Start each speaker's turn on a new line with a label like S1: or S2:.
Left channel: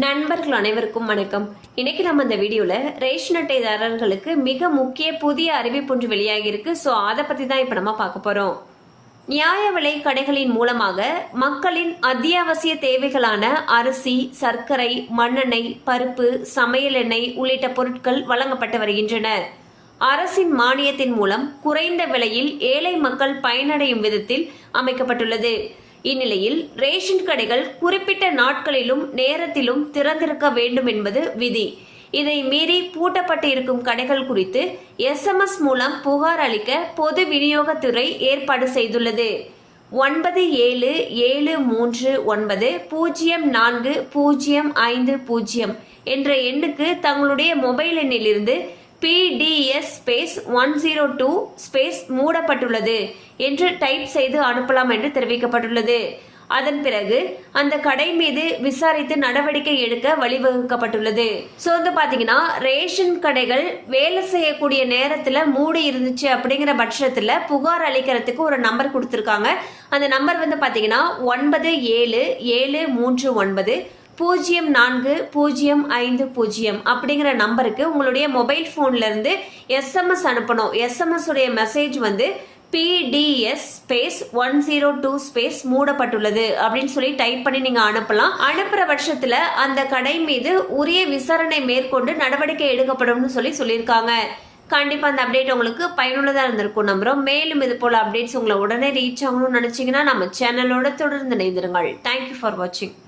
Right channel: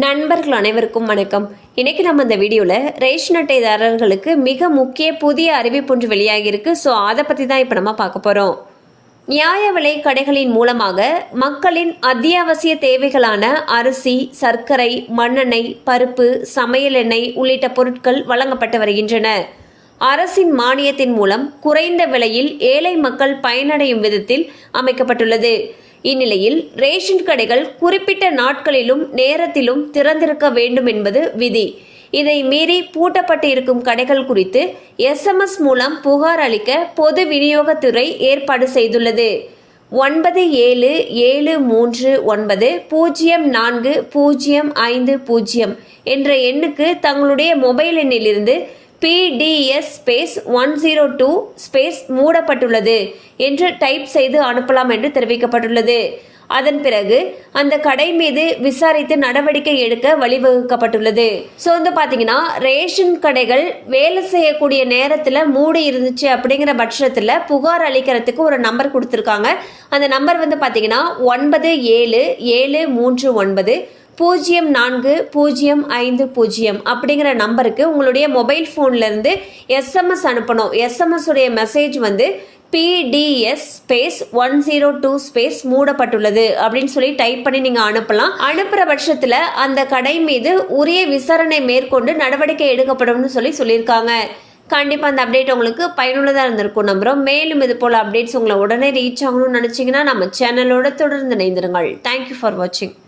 S1: நண்பர்கள் அனைவருக்கும் வணக்கம். இன்றைக்கி நம்ம இந்த வீடியோவில் ரேஷன் அட்டைதாரர்களுக்கு மிக முக்கிய புதிய அறிவிப்பு ஒன்று வெளியாகியிருக்கு. ஸோ அதை பற்றி தான் இப்போ நம்ம பார்க்க போகிறோம் நியாய விலை கடைகளின் மூலமாக மக்களின் அத்தியாவசிய தேவைகளான அரிசி சர்க்கரை மண்ணெண்ணெய் பருப்பு சமையல் எண்ணெய் உள்ளிட்ட பொருட்கள் வழங்கப்பட்டு வருகின்றன. அரசின் மானியத்தின் மூலம் குறைந்த விலையில் ஏழை மக்கள் பயனடையும் விதத்தில் அமைக்கப்பட்டுள்ளது. இந்நிலையில் ரேஷன் கடைகள் குறிப்பிட்ட நாட்களிலும் நேரத்திலும் திறந்திருக்க வேண்டும் என்பது விதி. இதை மீறி பூட்டப்பட்டு இருக்கும் கடைகள் குறித்து எஸ்எம்எஸ் மூலம் புகார் அளிக்க பொது விநியோகத்துறை ஏற்பாடு செய்துள்ளது. ஒன்பது ஏழு ஏழு மூன்று ஒன்பது பூஜ்ஜியம் நான்கு பூஜ்ஜியம் ஐந்து பூஜ்ஜியம் என்ற எண்ணுக்கு தங்களுடைய மொபைல் எண்ணிலிருந்து PDS space one zero two space மூடப்பட்டுள்ளது என்று டைப் செய்து அனுப்பலாம் என்று தெரிவிக்கப்பட்டுள்ளது. அதன் பிறகு அந்த கடை மீது விசாரித்து நடவடிக்கை எடுக்க வழிவகுக்கப்பட்டுள்ளது. ஸோ வந்து பார்த்தீங்கன்னா ரேஷன் கடைகள் வேலை செய்யக்கூடிய நேரத்தில் மூடி இருந்துச்சு அப்படிங்கிற பட்சத்தில் புகார் அளிக்கிறதுக்கு ஒரு நம்பர் கொடுத்துருக்காங்க. அந்த நம்பர் வந்து பார்த்தீங்கன்னா ஒன்பது ஏழு ஏழு மூன்று ஒன்பது. பூஜ்ஜியம் நான்கு பூஜ்ஜியம் ஐந்து பூஜ்ஜியம் அப்படிங்கிற நம்பருக்கு உங்களுடைய மொபைல் ஃபோன்லேருந்து எஸ்எம்எஸ் அனுப்பணும். எஸ்எம்எஸ் உடைய மெசேஜ் வந்து PDS space one zero two space மூடப்பட்டுள்ளது அப்படின்னு சொல்லி டைப் பண்ணி நீங்கள் அனுப்பலாம். அனுப்புகிற பட்சத்தில் அந்த கடை மீது உரிய விசாரணை மேற்கொண்டு நடவடிக்கை எடுக்கப்படும்னு சொல்லி சொல்லியிருக்காங்க. கண்டிப்பாக அந்த அப்டேட் உங்களுக்கு பயனுள்ளதாக இருந்திருக்கும் நம்புகிறோம் மேலும் இது போல் அப்டேட்ஸ் உங்களை உடனே ரீச் ஆகணும்னு நினச்சிங்கன்னா நம்ம சேனலோட தொடர்ந்து இணைந்திருங்கள். தேங்க்யூ ஃபார் வாட்சிங்